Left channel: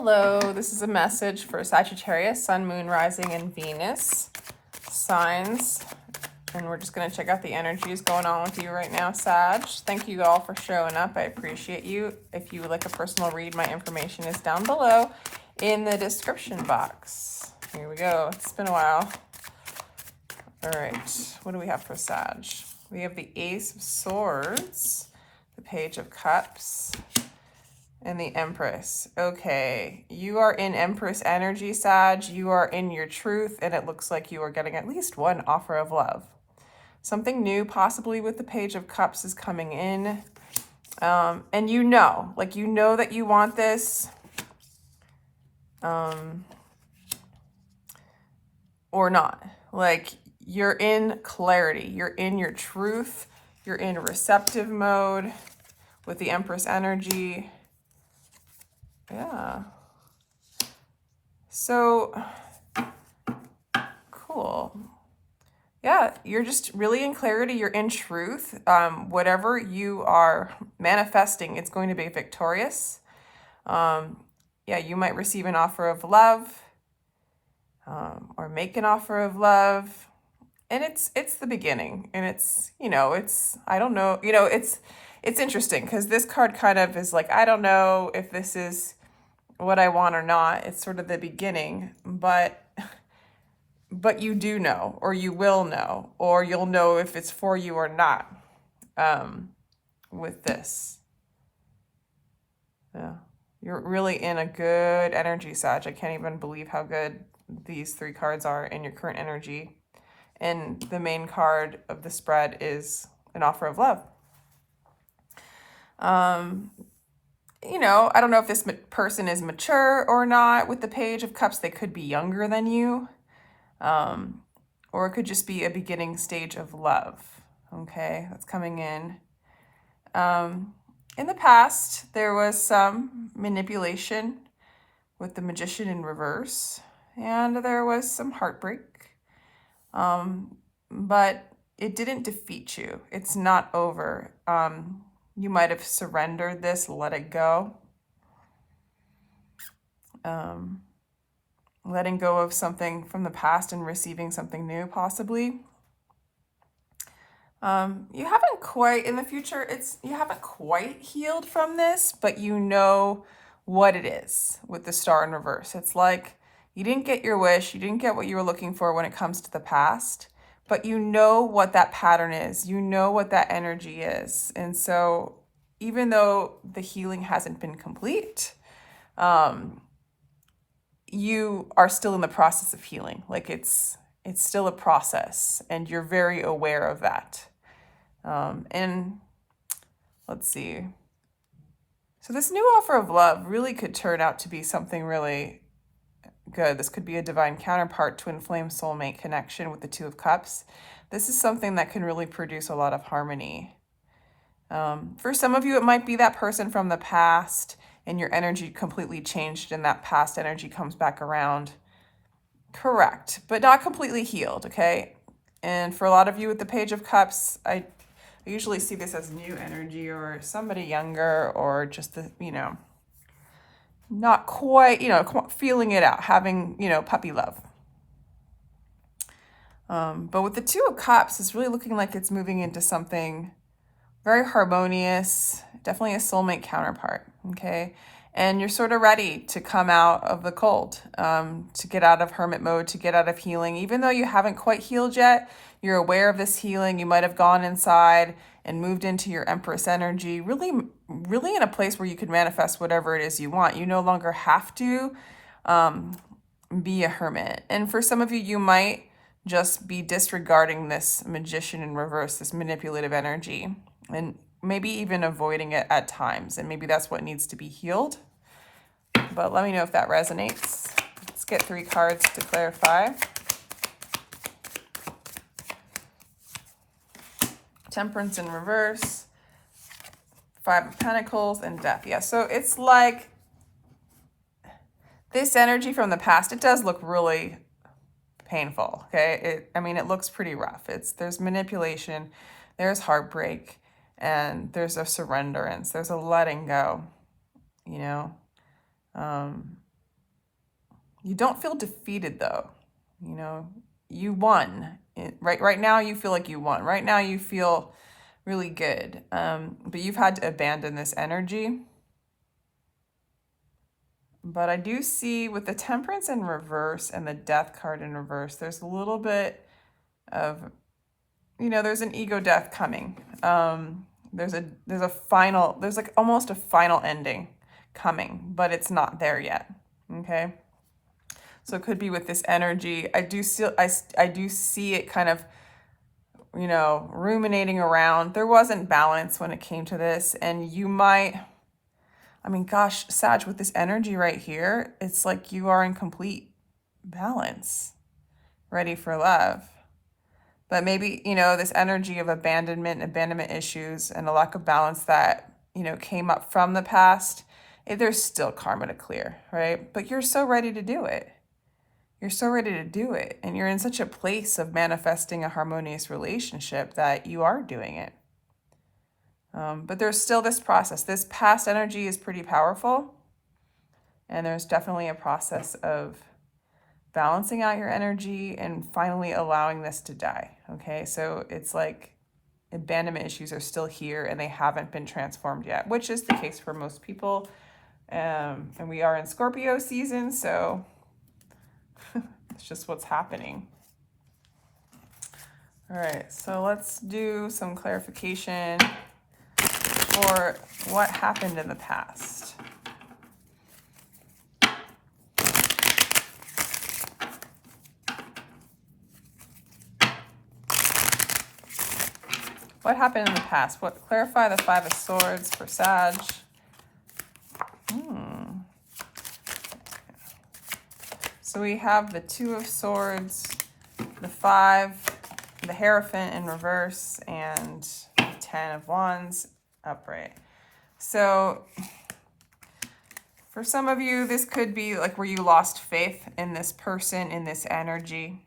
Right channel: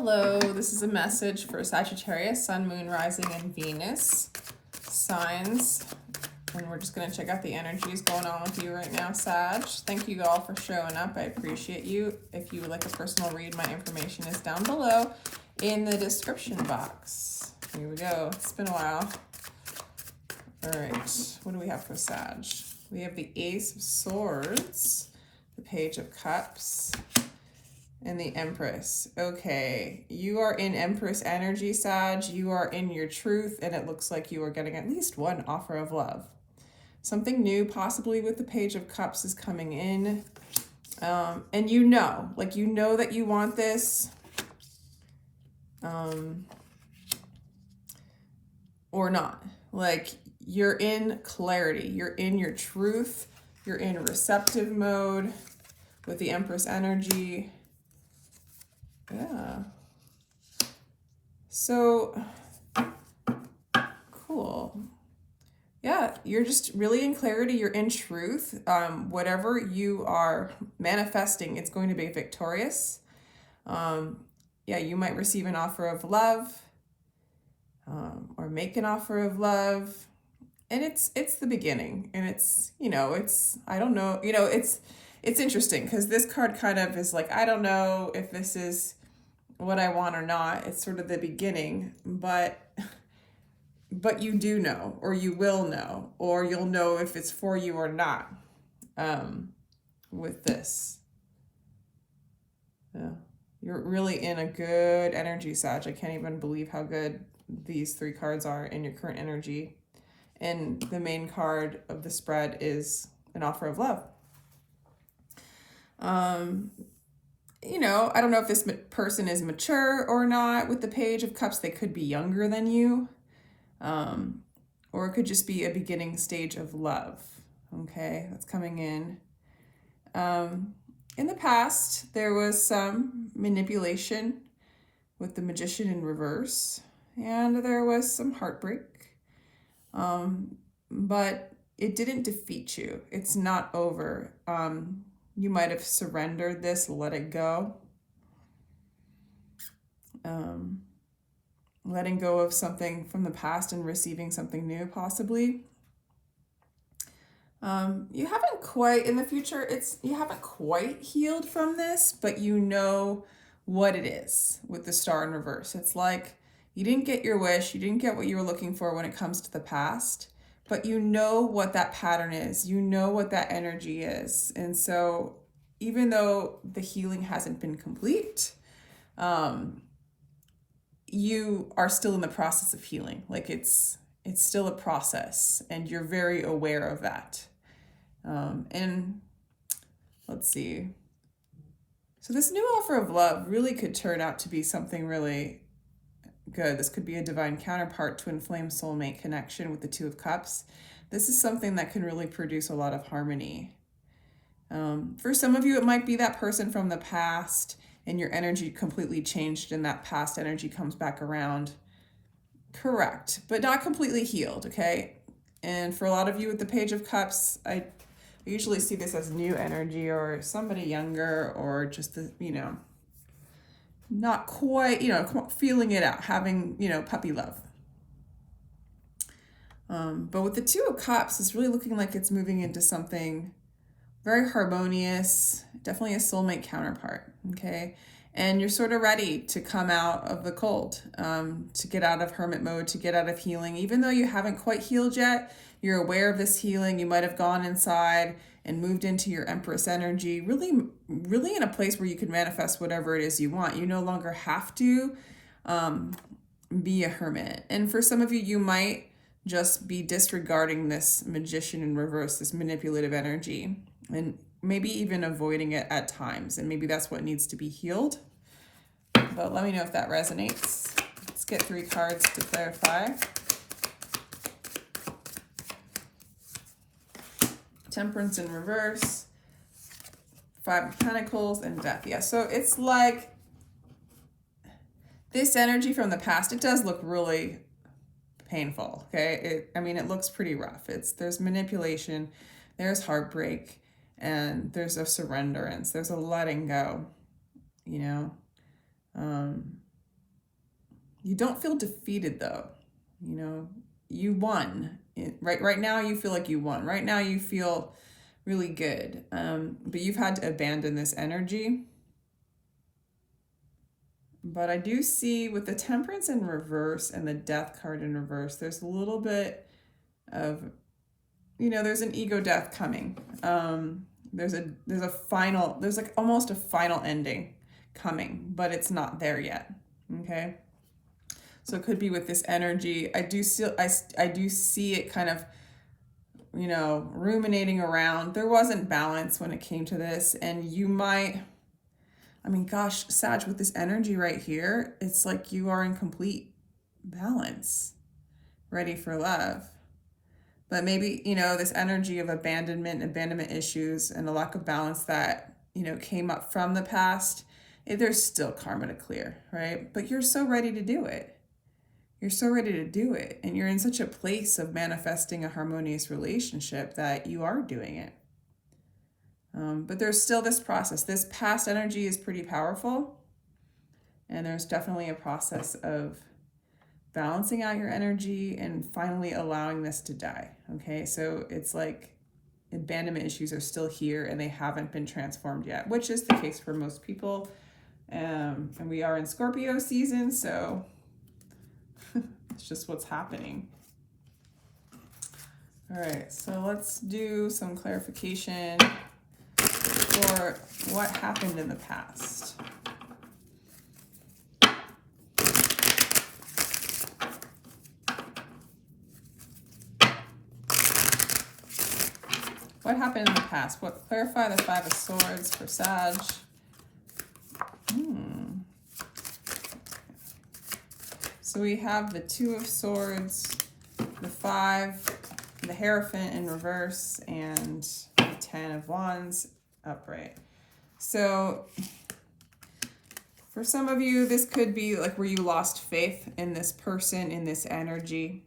Hello, this is a message for Sagittarius, Sun, Moon, Rising, and Venus signs. And we're just going to check out the energies going on with you right now, Sag. Thank you all for showing up. I appreciate you. If you would like a personal read, my information is down below in the description box. Here we go. It's been a while. All right. What do we have for Sag? We have the Ace of Swords, the Page of Cups, and the Empress. Okay, you are in Empress energy, Sag. You are in your truth, and it looks like you are getting at least one offer of love. Something new, possibly with the Page of Cups, is coming in. And you know that you want this. Or not. Like, you're in clarity. You're in your truth. You're in receptive mode with the Empress energy. Yeah. So, cool. Yeah, you're just really in clarity. You're in truth. Whatever you are manifesting, it's going to be victorious. Yeah, you might receive an offer of love, or make an offer of love. And it's the beginning. And it's, I don't know, it's interesting because this card kind of is like, I don't know if this is what I want or not. It's sort of the beginning, but you do know, or you will know, or you'll know if it's for you or not, with this. Yeah, you're really in a good energy, Sag. I can't even believe how good these three cards are in your current energy. And the main card of the spread is an offer of love. I don't know if this person is mature or not. With the Page of Cups, they could be younger than you. Or it could just be a beginning stage of love. Okay, that's coming in. In the past, there was some manipulation with the Magician in reverse. And there was some heartbreak. But it didn't defeat you. It's not over. You might have surrendered this, let it go. Letting go of something from the past and receiving something new, possibly. You haven't quite, in the future, you haven't quite healed from this, but you know what it is with the Star in reverse. It's like you didn't get your wish, you didn't get what you were looking for when it comes to the past, but you know what that pattern is, you know what that energy is. And so even though the healing hasn't been complete, you are still in the process of healing. Like it's still a process, and you're very aware of that. And let's see. So this new offer of love really could turn out to be something really good. This could be a divine counterpart to inflame soulmate connection with the Two of Cups. This is something that can really produce a lot of harmony. For some of you, it might be that person from the past and your energy completely changed and that past energy comes back around. Correct, but not completely healed, okay? And for a lot of you with the Page of Cups, I usually see this as new energy or somebody younger, or just the, not quite, feeling it out, having, puppy love. But with the Two of Cups, it's really looking like it's moving into something very harmonious, definitely a soulmate counterpart, okay? And you're sort of ready to come out of the cold, to get out of hermit mode, to get out of healing. Even though you haven't quite healed yet, you're aware of this healing. You might have gone inside and moved into your Empress energy, really, really in a place where you can manifest whatever it is you want. You no longer have to be a hermit. And for some of you, you might just be disregarding this Magician in reverse, this manipulative energy, and maybe even avoiding it at times. And maybe that's what needs to be healed. But let me know if that resonates. Let's get 3 cards to clarify. Temperance in reverse, 5 of Pentacles, and Death. Yeah, so it's like this energy from the past, it does look really painful, okay? It looks pretty rough. There's manipulation, there's heartbreak, and there's a surrenderance, there's a letting go, You don't feel defeated though. You know, you won. Right now you feel like you won. Right now you feel really good. But you've had to abandon this energy. But I do see with the Temperance in reverse and the Death card in reverse, there's a little bit of, you know, there's an ego death coming. There's like almost a final ending coming, but it's not there yet. Okay. So it could be with this energy. I do see it kind of, you know, ruminating around. There wasn't balance when it came to this, and you might, I mean, gosh, Sag, with this energy right here, it's like you are in complete balance, ready for love. But maybe, you know, this energy of abandonment issues, and a lack of balance that, you know, came up from the past, there's still karma to clear, right? But you're so ready to do it. You're so ready to do it. And you're in such a place of manifesting a harmonious relationship that you are doing it. But there's still this process. This past energy is pretty powerful. And there's definitely a process of balancing out your energy and finally allowing this to die. Okay, so it's like abandonment issues are still here and they haven't been transformed yet, which is the case for most people. And we are in Scorpio season, so it's just what's happening. All right, so let's do some clarification for what happened in the past. What happened in the past? Clarify the Five of Swords for Sag. So we have the Two of Swords, the Five, the Hierophant in reverse, and the Ten of Wands upright. So for some of you, this could be like where you lost faith in this person, in this energy.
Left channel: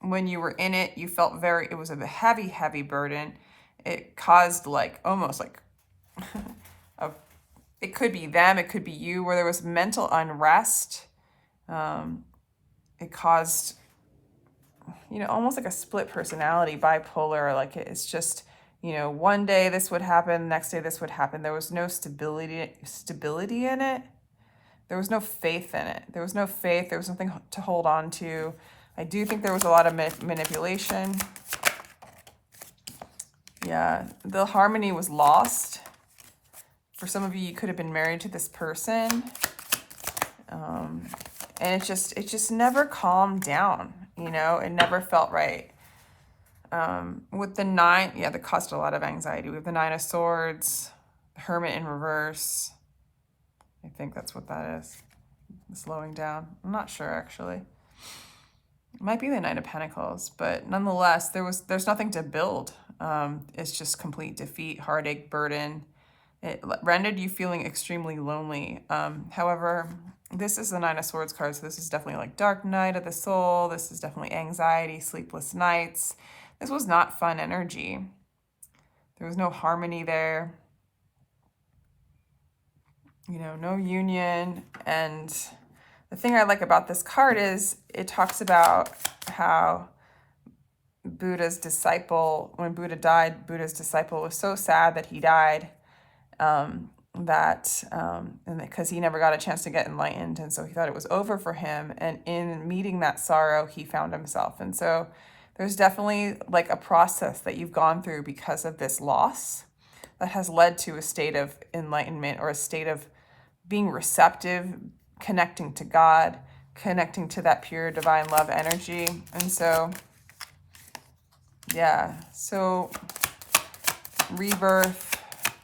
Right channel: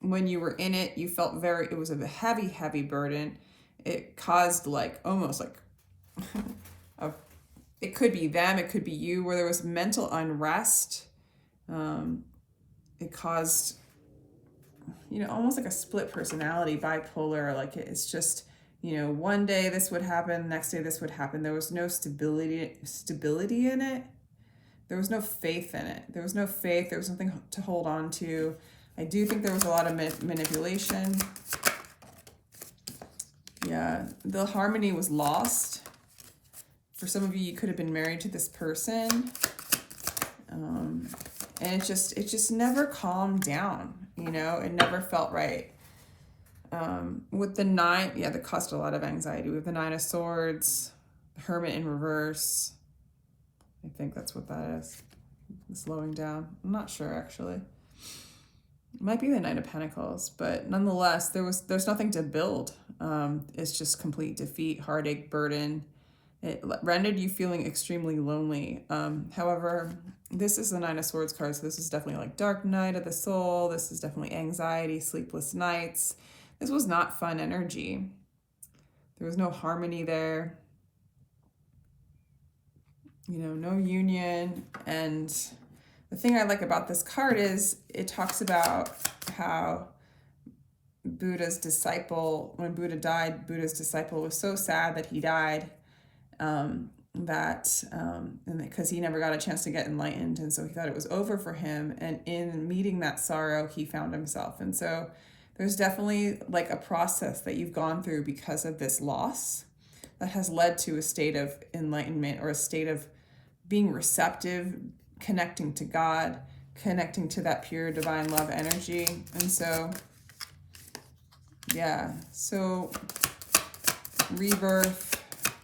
When you were in it, you felt it was a heavy, heavy burden. It caused like, almost like, it could be them, it could be you, where there was mental unrest. It caused, you know, almost like a split personality, bipolar. Like it's just, you know, one day this would happen, next day this would happen. There was no stability in it. There was no faith in it. There was no faith. There was nothing to hold on to. I do think there was a lot of manipulation. Yeah, the harmony was lost. For some of you, you could have been married to this person. And it just never calmed down, you know? It never felt right. With the Nine, yeah, that caused a lot of anxiety. We have the Nine of Swords, the Hermit in reverse. I think that's what that is. Slowing down. I'm not sure, actually. It might be the Nine of Pentacles, but nonetheless, there's nothing to build. It's just complete defeat, heartache, burden. It rendered you feeling extremely lonely. However, this is the Nine of Swords card, so this is definitely like dark night of the soul. This is definitely anxiety, sleepless nights. This was not fun energy. There was no harmony there. You know, no union. And the thing I like about this card is it talks about how Buddha's disciple, when Buddha died, Buddha's disciple was so sad that he died, and because he never got a chance to get enlightened, and so he thought it was over for him, and in meeting that sorrow, he found himself. And so there's definitely like a process that you've gone through because of this loss that has led to a state of enlightenment, or a state of being receptive, connecting to God, connecting to that pure divine love energy. And so, yeah, so rebirth,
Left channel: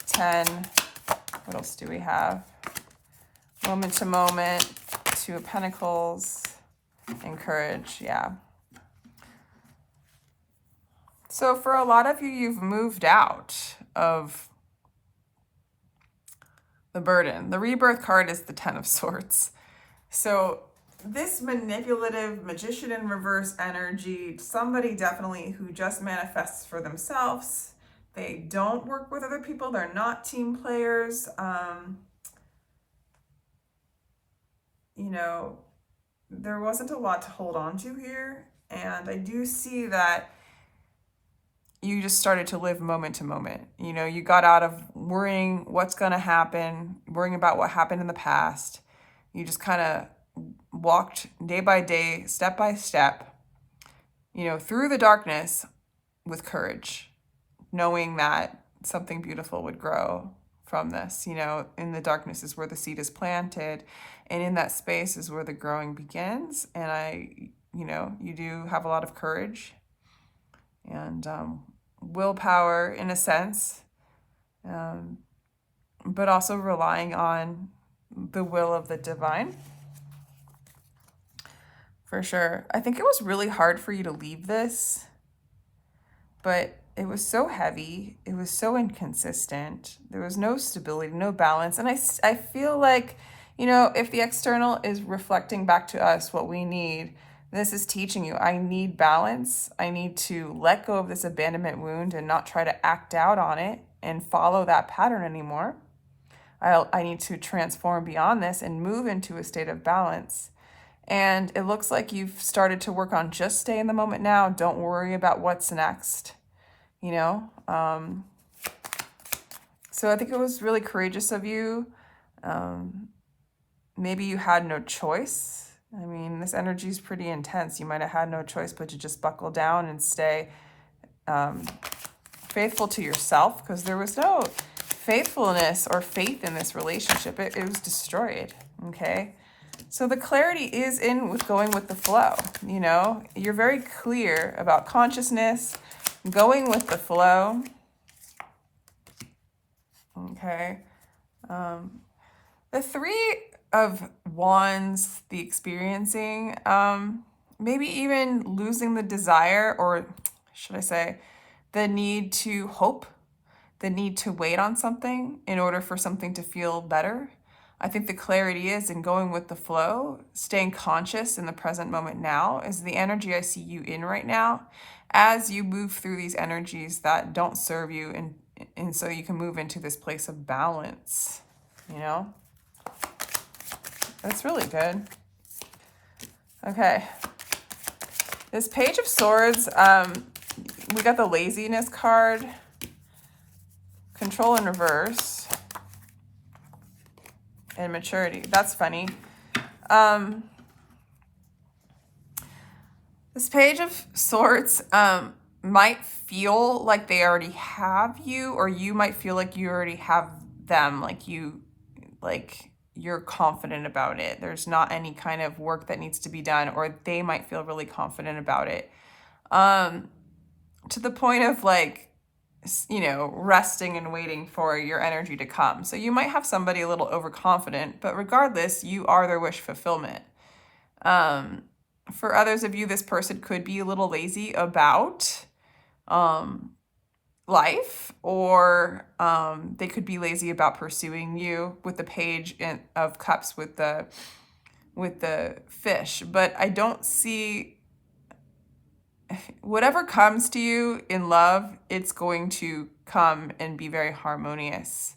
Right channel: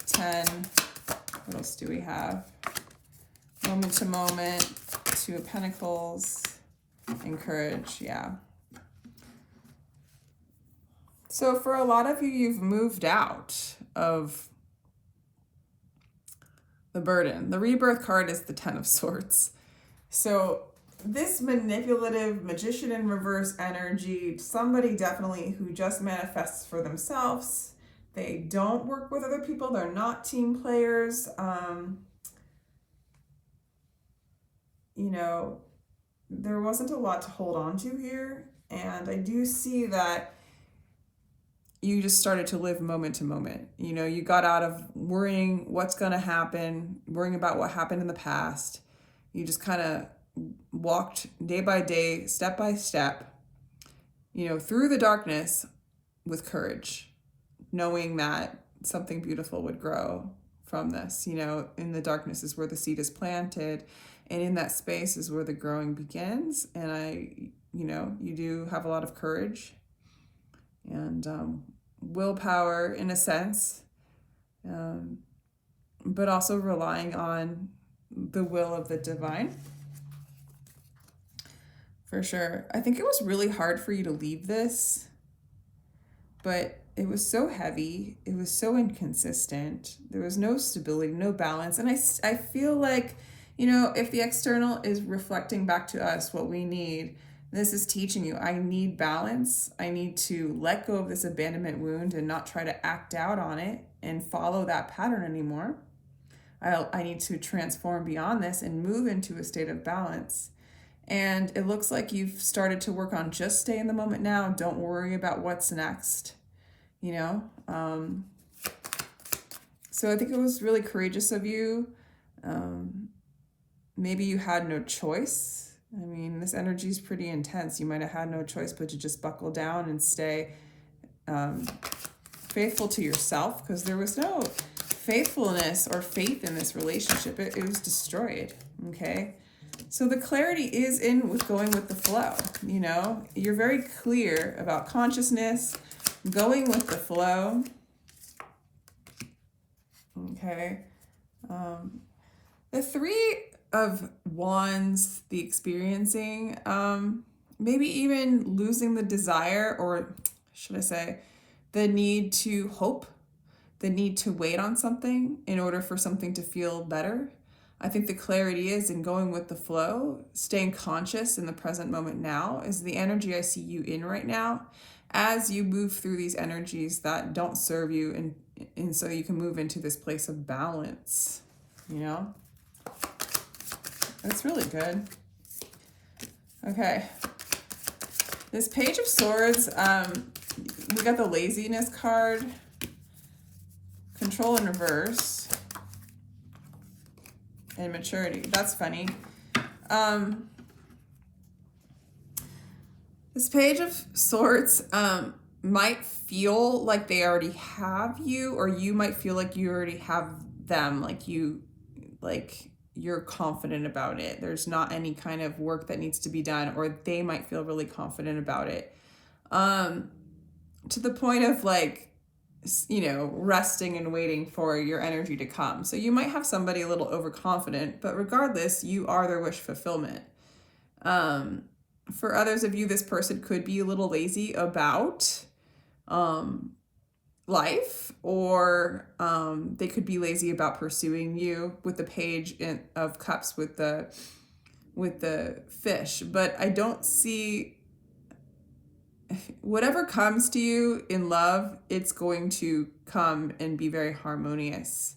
10, what else do we have? Moment to moment, Two of Pentacles, and courage, yeah. So for a lot of you, you've moved out of the burden. The rebirth card is the Ten of Swords. So this manipulative Magician in reverse energy, somebody definitely who just manifests for themselves. They don't work with other people. They're not team players. you know, there wasn't a lot to hold on to here. And I do see that you just started to live moment to moment. You know, you got out of worrying what's going to happen, worrying about what happened in the past. You just kind of walked day by day, step by step, you know, through the darkness with courage, knowing that something beautiful would grow from this. You know, in the darkness is where the seed is planted, and in that space is where the growing begins. And you do have a lot of courage and willpower in a sense, but also relying on the will of the divine. For sure. I think it was really hard for you to leave this, but it was so heavy. It was so inconsistent. There was no stability, no balance. And I feel like, you know, if the external is reflecting back to us what we need, this is teaching you, I need balance. I need to let go of this abandonment wound and not try to act out on it and follow that pattern anymore. I need to transform beyond this and move into a state of balance. And it looks like you've started to work on just stay in the moment now. Don't worry about what's next, you know? So I think it was really courageous of you. Maybe you had no choice. I mean, this energy is pretty intense. You might have had no choice but to just buckle down and stay faithful to yourself, because there was no faithfulness or faith in this relationship. It was destroyed, okay? So the clarity is in with going with the flow, you know? You're very clear about consciousness, going with the flow, okay? The Three of Wands, the experiencing, maybe even losing the desire, or should I say, the need to hope, the need to wait on something in order for something to feel better. I think the clarity is in going with the flow, staying conscious in the present moment now is the energy I see you in right now, as you move through these energies that don't serve you, and so you can move into this place of balance, you know? That's really good. Okay. This Page of Swords, we got the laziness card, control in reverse, and maturity. That's funny. This Page of Swords might feel like they already have you, or you might feel like you already have them, like you're confident about it. There's not any kind of work that needs to be done, or they might feel really confident about it. To the point of like, you know, resting and waiting for your energy to come. So you might have somebody a little overconfident, but regardless, you are their wish fulfillment. For others of you, this person could be a little lazy about life, or they could be lazy about pursuing you with the Page of Cups with the fish. But I don't see, whatever comes to you in love, it's going to come and be very harmonious.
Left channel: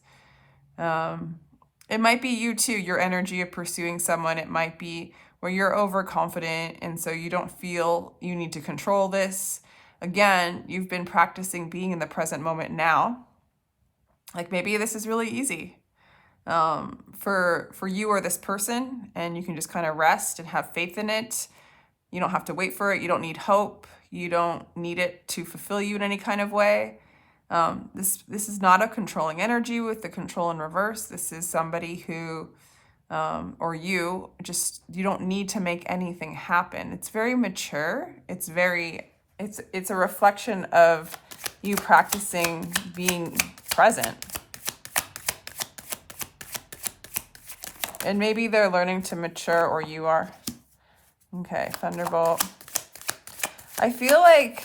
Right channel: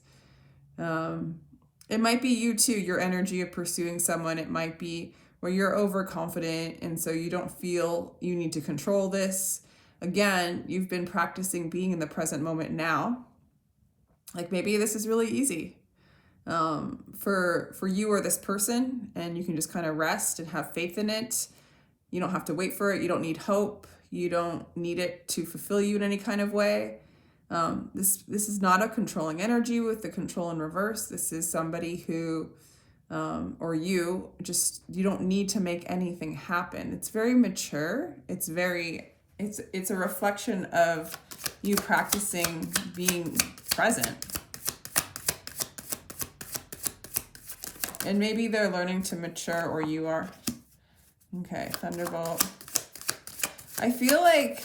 It might be you too, your energy of pursuing someone. It might be where you're overconfident, and so you don't feel you need to control this. Again, you've been practicing being in the present moment now. Like maybe this is really easy for you or this person, and you can just kind of rest and have faith in it. You don't have to wait for it. You don't need hope. You don't need it to fulfill you in any kind of way. This is not a controlling energy with the control in reverse. This is somebody who, or you don't need to make anything happen. It's very mature. It's a reflection of you practicing being present. And maybe they're learning to mature, or you are. Okay, Thunderbolt. I feel like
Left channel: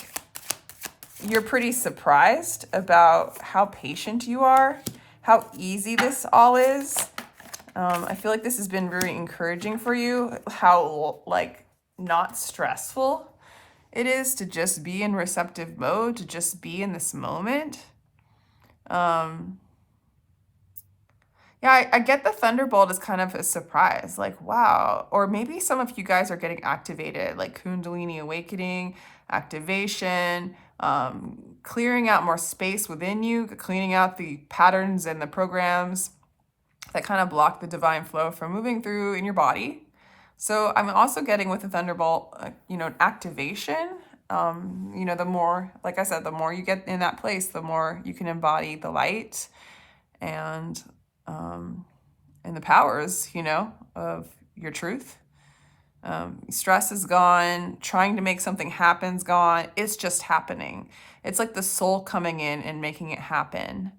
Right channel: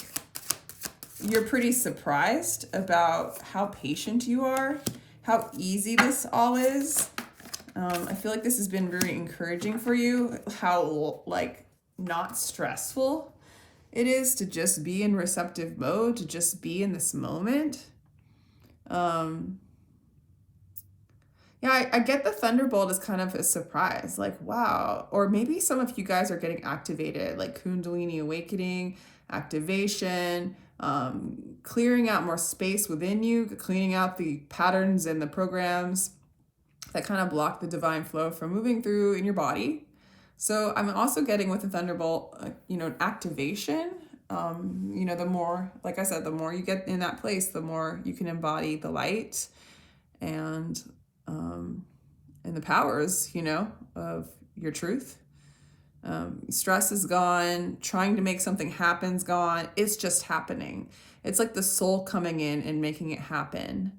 you're pretty surprised about how patient you are, how easy this all is. I feel like this has been very encouraging for you, how like not stressful it is to just be in receptive mode, to just be in this moment. Yeah, I get the thunderbolt as kind of a surprise, like, wow. Or maybe some of you guys are getting activated, like Kundalini awakening, activation, clearing out more space within you, cleaning out the patterns and the programs that kind of block the divine flow from moving through in your body. So I'm also getting with the thunderbolt, activation. The more, like I said, the more you get in that place, the more you can embody the light and the powers, of your truth. Stress is gone. Trying to make something happen's gone. It's just happening. It's like the soul coming in and making it happen.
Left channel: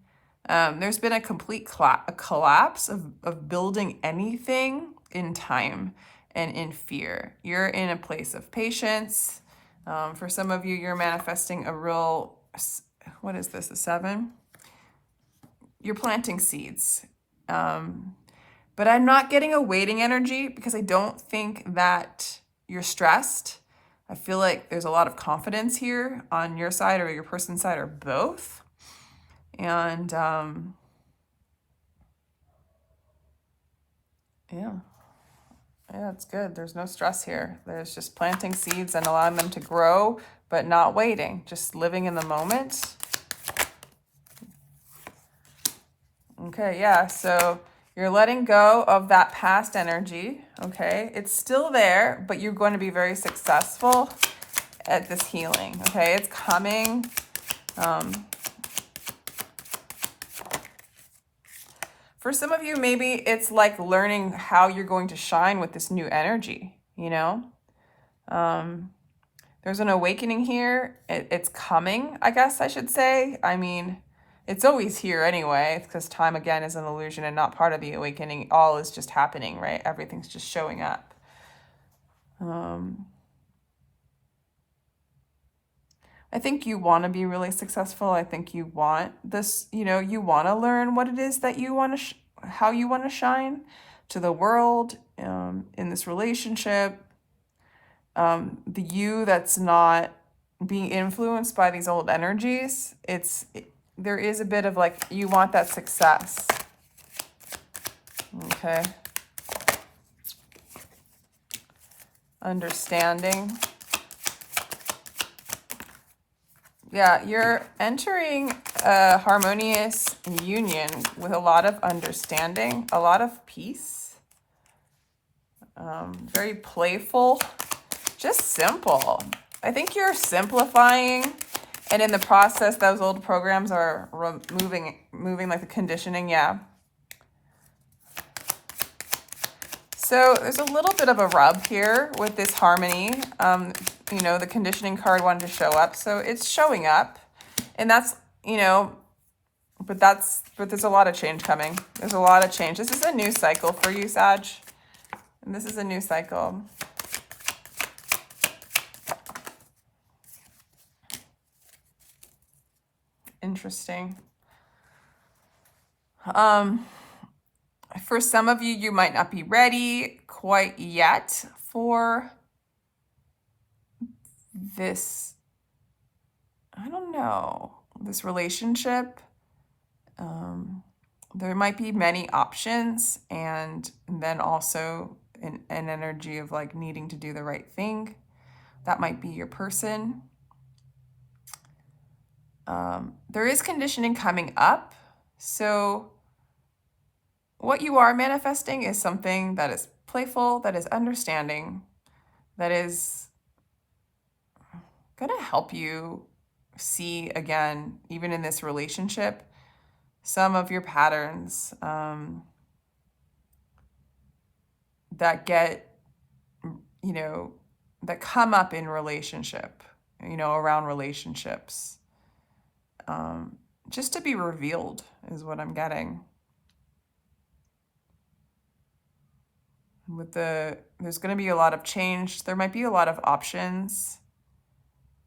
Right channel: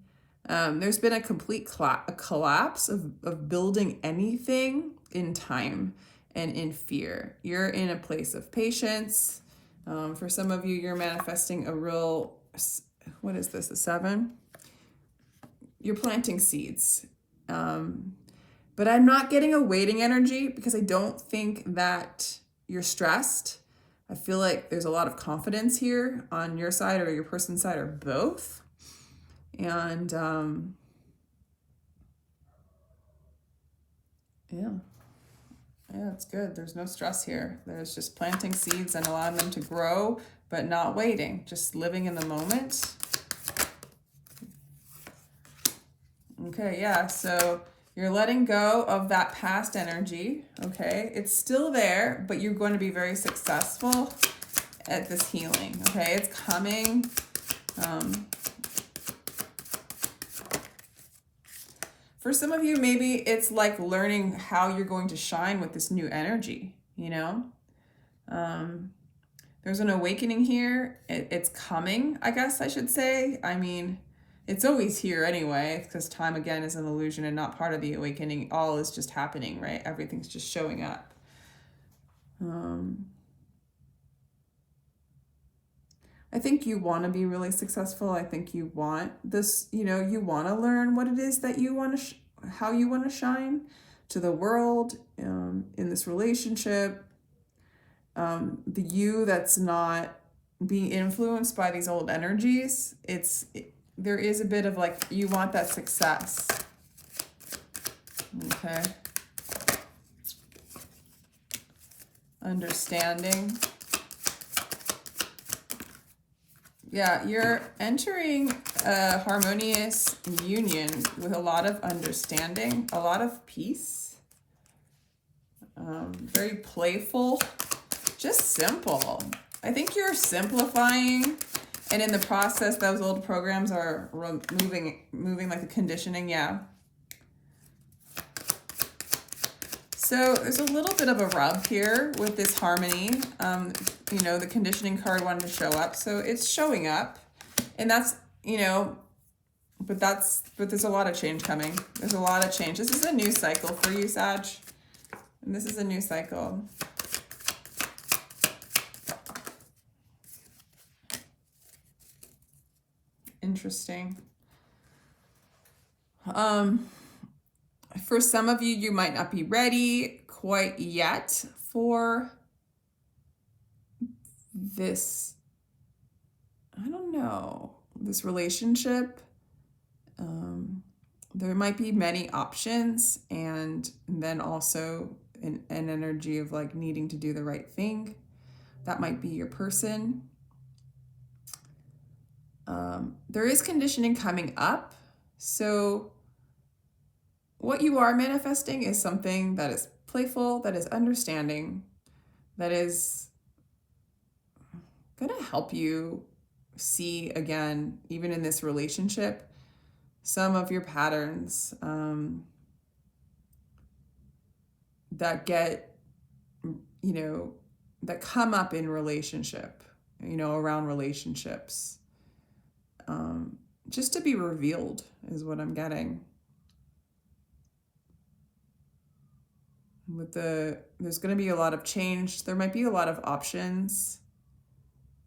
There's been a complete collapse of building anything in time and in fear. You're in a place of patience. For some of you, you're manifesting a real, what is this, a 7? You're planting seeds. But I'm not getting a waiting energy because I don't think that you're stressed. I feel like there's a lot of confidence here on your side or your person's side or both. And yeah, it's good. There's no stress here. There's just planting seeds and allowing them to grow, but not waiting, just living in the moment. Okay, yeah, so you're letting go of that past energy, okay? It's still there, but you're going to be very successful at this healing, okay? It's coming. For some of you, maybe it's like learning how you're going to shine with this new energy, There's an awakening here. It's coming, I guess I should say. I mean, it's always here anyway, because time, again, is an illusion and not part of the awakening. All is just happening, right? Everything's just showing up. I think you want to be really successful. I think you want this, you want to learn what it is that you want to, how you want to shine to the world, in this relationship. The you that's not being influenced by these old energies, there is a bit of like, you want that success. Okay. Understanding. Yeah, you're entering a harmonious union with a lot of understanding, a lot of peace. Very playful, just simple. I think you're simplifying, and in the process, those old programs are moving like the conditioning, yeah. So there's a little bit of a rub here with this harmony. The conditioning card wanted to show up, so it's showing up, and that's, but there's a lot of change coming. There's a lot of change. This is a new cycle for you, Sag. And this is a new cycle. Interesting. For some of you, you might not be ready quite yet for this, I don't know, this relationship. There might be many options, and then also an energy of like needing to do the right thing. That might be your person. There is conditioning coming up. So what you are manifesting is something that is playful, that is understanding, that is going to help you see, again, even in this relationship, some of your patterns that get, that come up in relationship, around relationships. Just to be revealed is what I'm getting. There's going to be a lot of change. There might be a lot of options.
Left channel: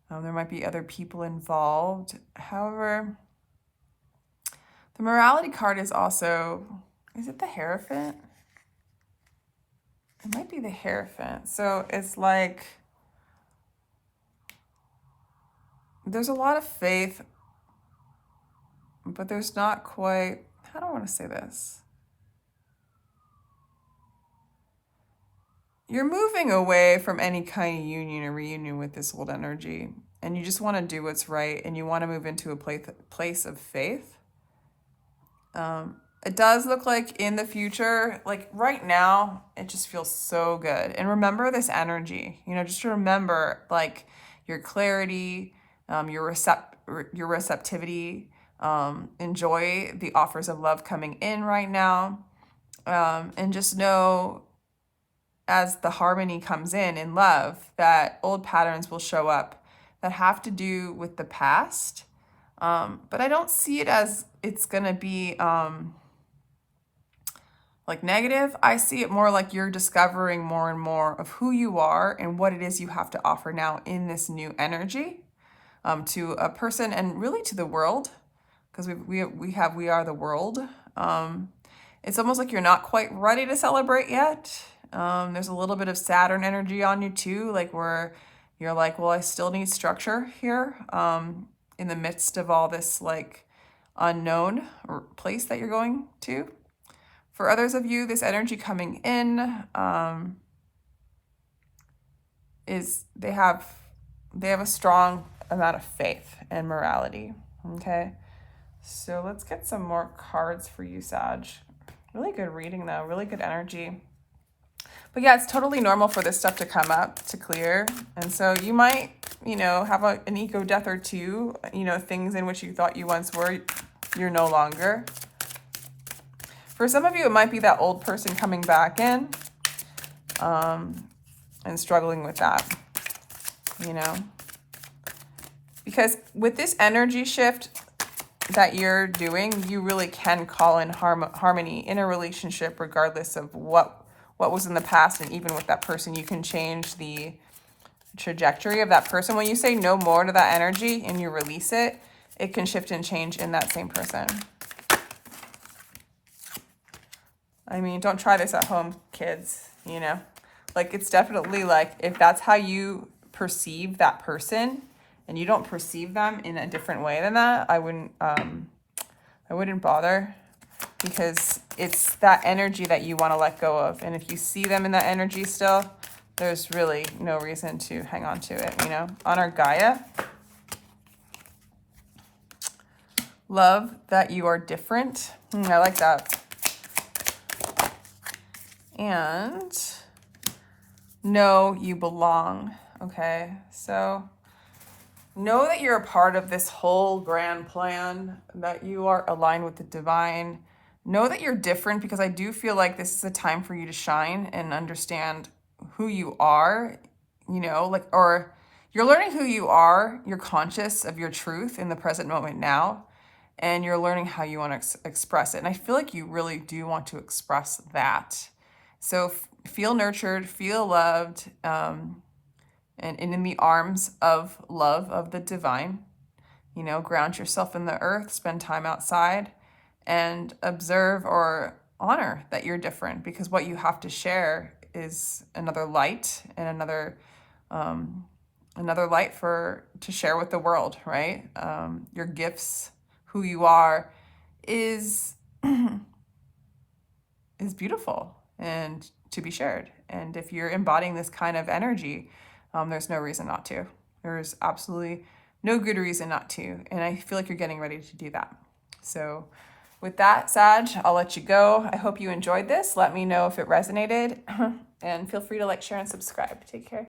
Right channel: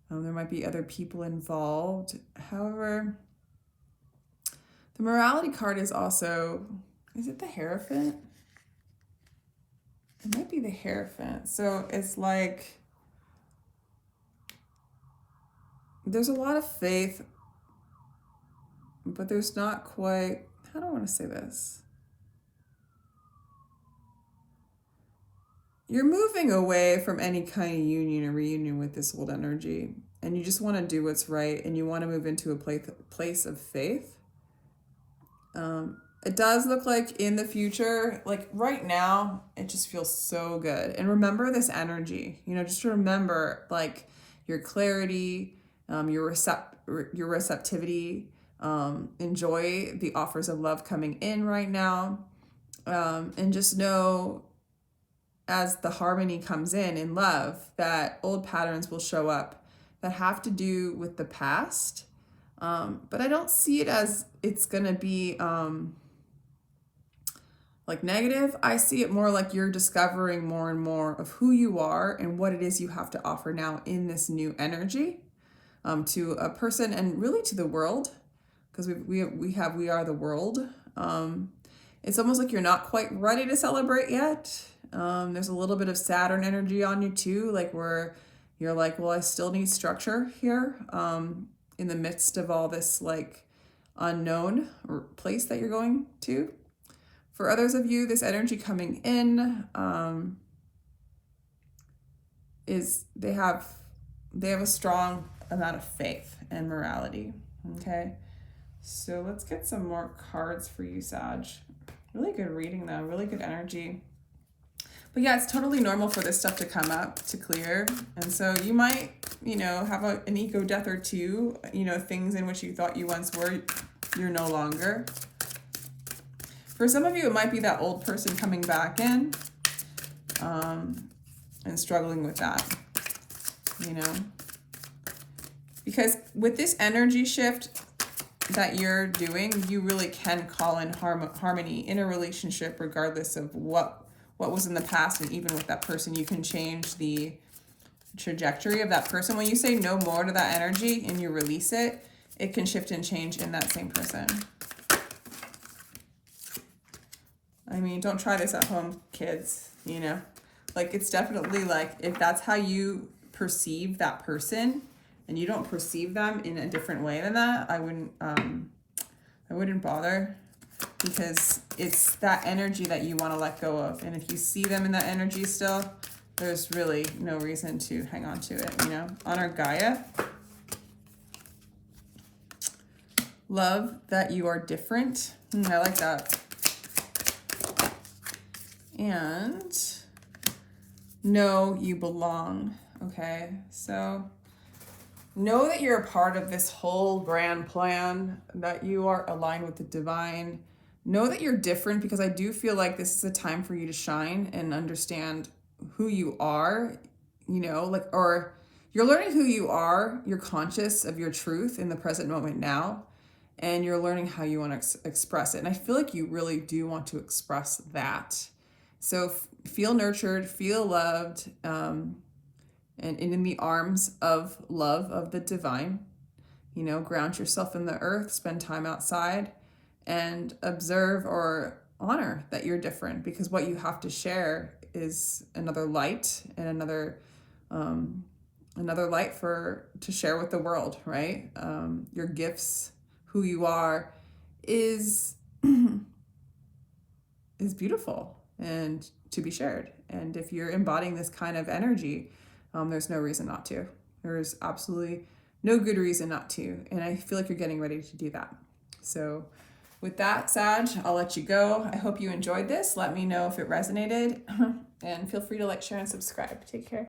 There might be other people involved. However, the morality card is also, is it the Hierophant? It might be the Hierophant. So it's like, there's a lot of faith, but there's not quite, how do I want to say this? you're moving away from any kind of union or reunion with this old energy, and you just want to do what's right, and you want to move into a place of faith. It does look like in the future, like right now, it just feels so good. And remember this energy, you know, just remember like your clarity, your receptivity, enjoy the offers of love coming in right now. And just know as the harmony comes in love, that old patterns will show up that have to do with the past. But I don't see it as it's gonna be like negative. I see it more like you're discovering more and more of who you are and what it is you have to offer now in this new energy, to a person and really to the world, because we are the world. It's almost like you're not quite ready to celebrate yet. There's a little bit of Saturn energy on you too, like where you're like, well, I still need structure here, in the midst of all this like unknown place that you're going to. For others of you, this energy coming in is they have a strong amount of faith and morality. Okay, so let's get some more cards for you, Sag. Really good reading though, really good energy. But yeah, it's totally normal for this stuff to come up, to clear. And so you might, you know, have an ego death or two, you know, things in which you thought you once were, you're no longer. For some of you, it might be that old person coming back in, and struggling with that, you know. Because with this energy shift that you're doing, you really can call in harmony in a relationship, regardless of what was in the past. And even with that person, you can change the trajectory of that person. When you say no more to that energy and you release it, it can shift and change in that same person. I mean, don't try this at home, kids, you know. Like, it's definitely like, if that's how you perceive that person and you don't perceive them in a different way than that, I wouldn't bother, because it's that energy that you want to let go of. And if you see them in that energy still, there's really no reason to hang on to it, you know. Honor Gaia. Love that you are different. I like that. And know you belong. Okay, so know that you're a part of this whole grand plan, that you are aligned with the divine. Know that you're different, because I do feel like this is a time for you to shine and understand who you are, you know, like, or you're learning who you are. You're conscious of your truth in the present moment now, and you're learning how you want to express it. And I feel like you really do want to express that. So feel nurtured, feel loved, and in the arms of love of the divine. You know, ground yourself in the earth, spend time outside, and observe or honor that you're different, because what you have to share is another light, and another light to share with the world, right? Your gifts, who you are, is beautiful and to be shared. And if you're embodying this kind of energy, there's no reason not to. There's absolutely no good reason not to. And I feel like you're getting ready to do that. So with that, Sag, I'll let you go. I hope you enjoyed this. Let me know if it resonated, and feel free to like, share, and subscribe. Take care.